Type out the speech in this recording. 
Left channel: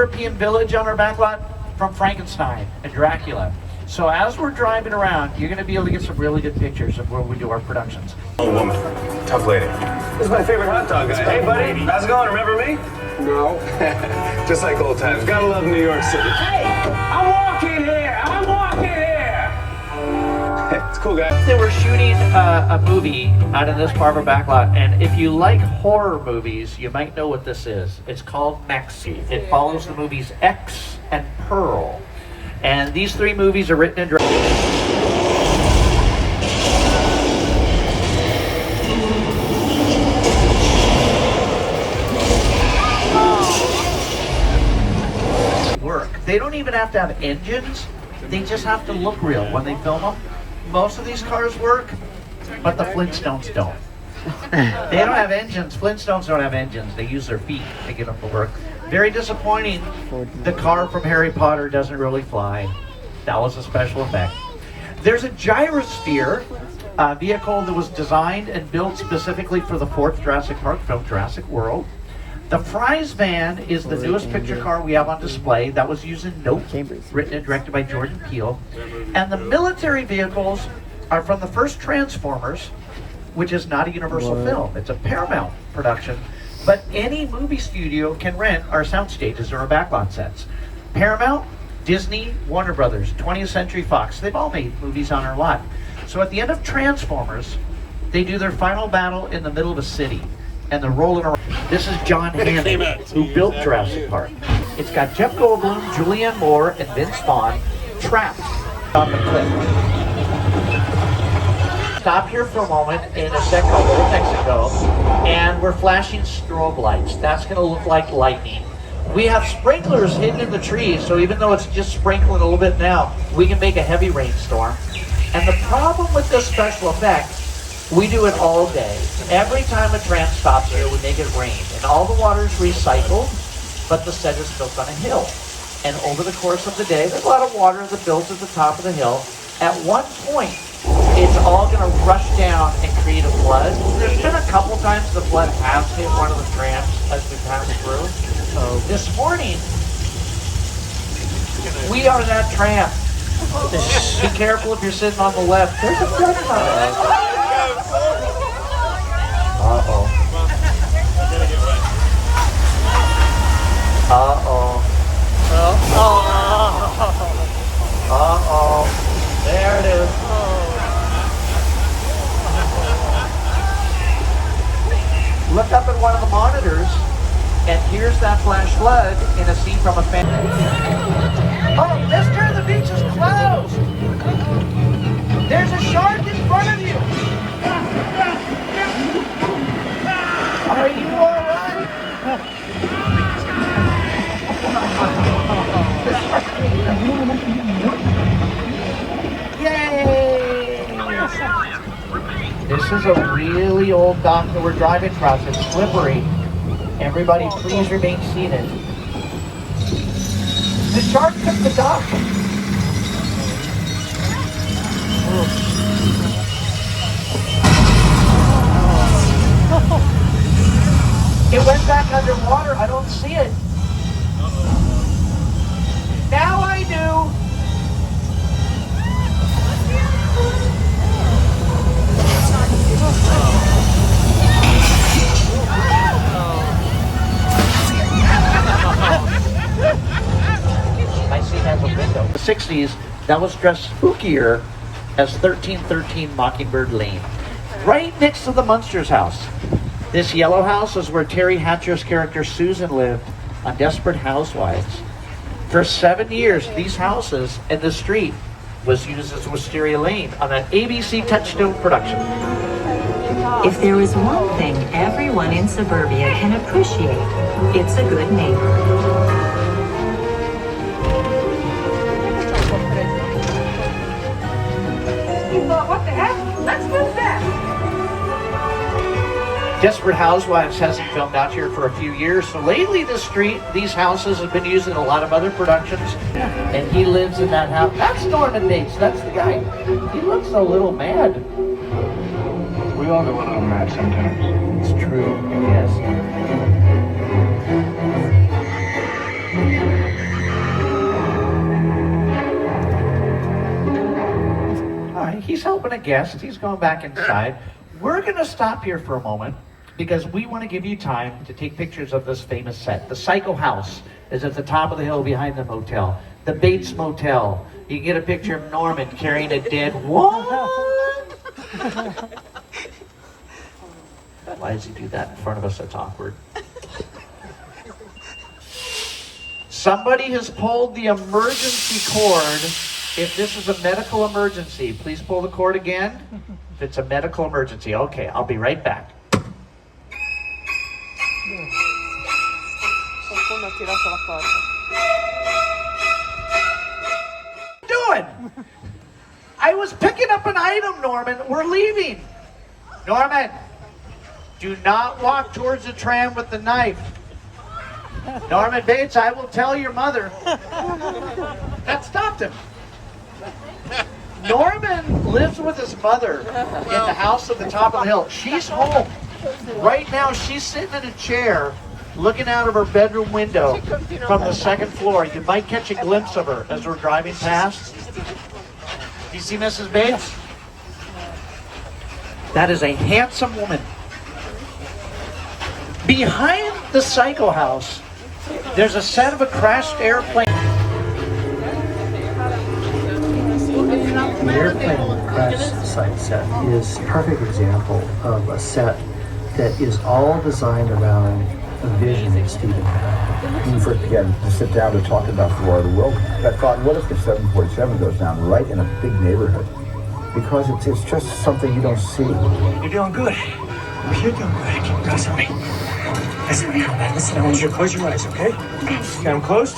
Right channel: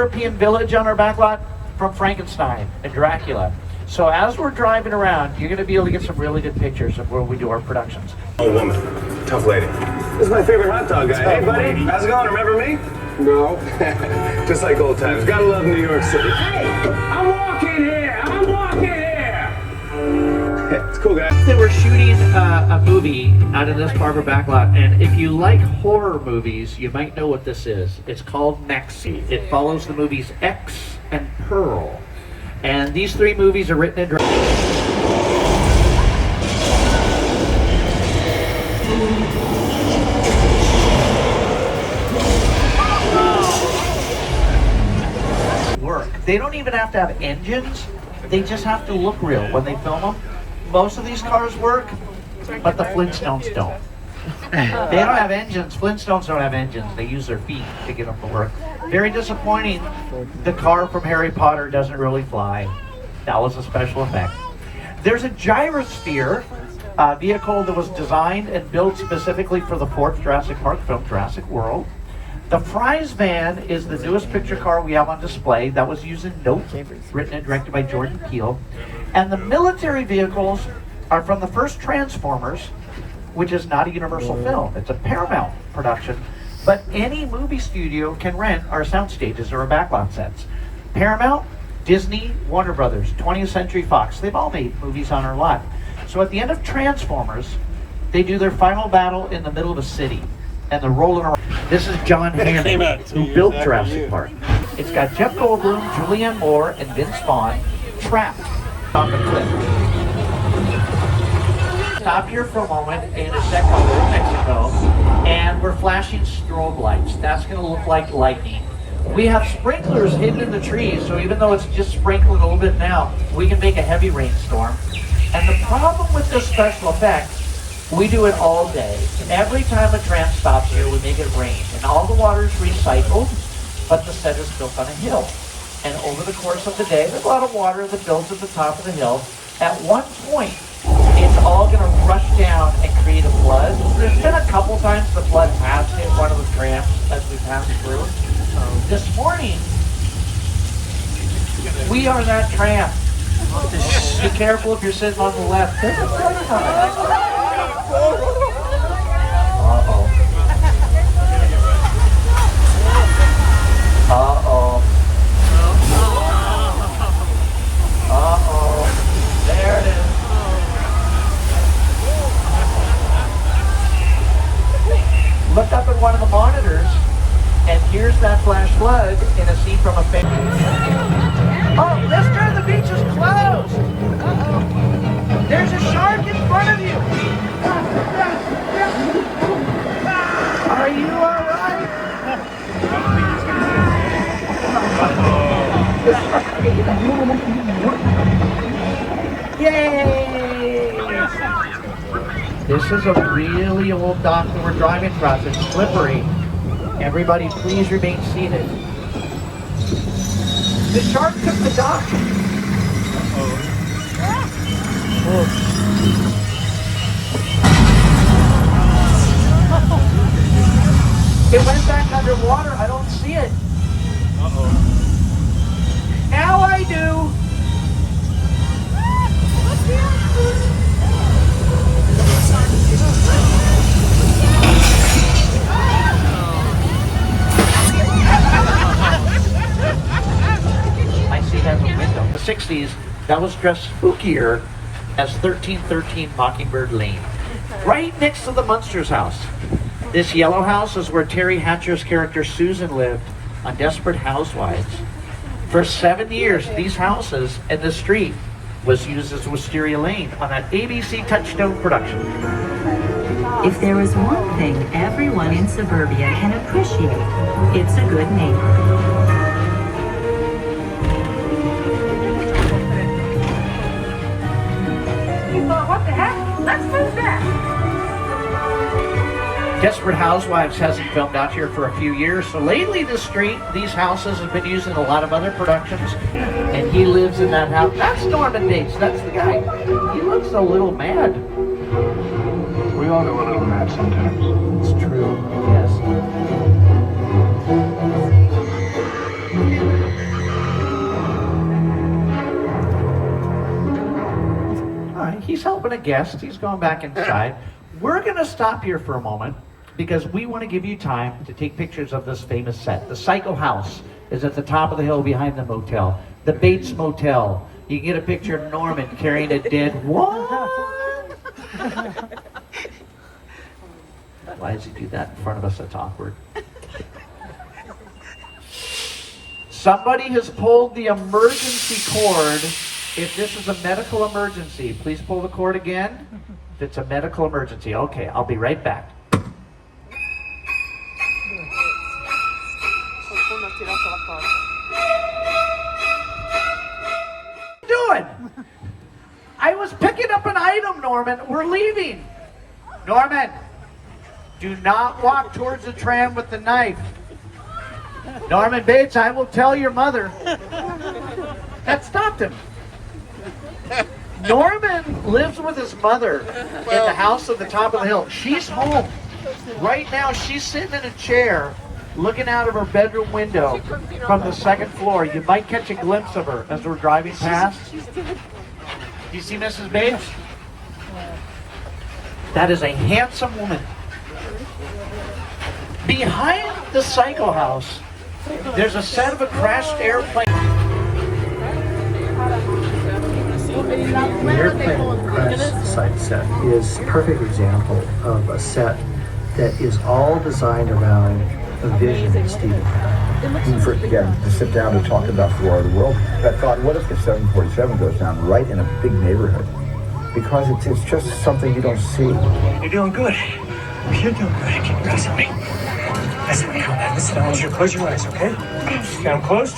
European village on our backlot from Frankenstein and Dracula. So as we're driving around, you're going to be able to get some really good pictures of where we do our productions. Old woman, tough lady. This is my favorite hot dog guy. Hey, buddy, how's it going? Remember me? No. Just like old times. Gotta love New York City. Hey, I'm walking here. I'm walking here. It's cool, guy. They were shooting a movie out of this part of our backlot, and if you like horror movies, you might know what this is. It's called Maxi. It follows the movies X and Pearl. And these three movies are written and directed. Work. They don't even have to have engines. They just have to look real when they film them. Most of these cars work, but the Flintstones don't. They don't have engines. Flintstones don't have engines. They use their feet to get them to work. Very disappointing. The car from Harry Potter doesn't really fly. That was a special effect. There's a Gyrosphere vehicle that was designed and built specifically for the fourth Jurassic Park film, Jurassic World. The Fry's van is the newest picture car we have on display. That was used in Nope, written and directed by Jordan Peele. And the military vehicles are from the first Transformers, which is not a Universal film. It's a Paramount production. But any movie studio can rent our sound stages or our backlot sets. Paramount, Disney, Warner Brothers, 20th Century Fox, they've all made movies on our lot. So at the end of Transformers, they do their final battle in the middle of a city, and they're rolling around. This is John Hammond, who built Jurassic Park. It's got Jeff Goldblum, Julianne Moore, and Vince Vaughn trapped on the cliff. Stop here for a moment in a second called Old Mexico, and we're flashing strobe lights. That's going to look like lightning. We have sprinklers hidden in the trees, so even though it's just sprinkling a little bit now, we can make a heavy rainstorm. And the problem with this special effect, we do it all day. Every time a tram stops here, we make it rain. And all the water is recycled, but the set is built on a hill. And over the course of the day, there's a lot of water that builds at the top of the hill. At one point, it's all going to rush down and create a flood. There's been a couple times the flood has hit one of the trams as we pass through. This morning, we are that tram. Be careful if you're sitting on the left. There's a flood coming. Uh-oh. Uh-oh. Uh-oh. There it is. Look up at one of the monitors, and here's that flash flood in a scene from a family. Oh, mister, the beach is closed! There's a shark in front of you! Are you alright? Yay! This is a really old dock that we're driving across. It's slippery. Everybody, please remain seated. The shark took the dock. It went back underwater. I don't see it. Now I do. I see that window. The 60s, that was dressed spookier as 1313 Mockingbird Lane. Right next to the Munsters house. This yellow house is where Terry Hatcher's character Susan lived on Desperate Housewives. For 7 years, these houses and the street was used as Wisteria Lane on an ABC Touchstone production. If there is one thing everyone in suburbia can appreciate, it's a good neighbor. What the heck? Let's look that. Desperate Housewives hasn't filmed out here for a few years, so lately these houses have been used in a lot of other productions, and he lives in that house. That's Norman Bates, that's the guy. He looks a little mad. We all go a little mad sometimes. It's true, yes. He's helping a guest. He's going back inside. We're going to stop here for a moment because we want to give you time to take pictures of this famous set. The Psycho House is at the top of the hill behind the motel. The Bates Motel. You can get a picture of Norman carrying a dead what? Why does he do that in front of us? That's awkward. Somebody has pulled the emergency cord. If this is a medical emergency, please pull the cord again. If it's a medical emergency, okay, I'll be right back. What are you doing? I was picking up an item, Norman. We're leaving. Norman, do not walk towards the tram with the knife. Norman Bates, I will tell your mother. That stopped him. Norman lives with his mother in the house at the top of the hill. She's home. Right now, she's sitting in a chair looking out of her bedroom window from the second floor. You might catch a glimpse of her as we're driving past. Do you see Mrs. Bates? That is a handsome woman. Behind the Psycho House, there's a set of a crashed airplane. The airplane crash site set is a perfect example of a set that is all designed around the vision that Stephen had. When we first began to sit down and talk about the War of the World, I thought, what if the 747 goes down right in a big neighborhood? Because it's just something you don't see. You're doing good. You're doing good. Keep pressing me. Listen, man. Listen, I want you to close your eyes, okay? Got them closed?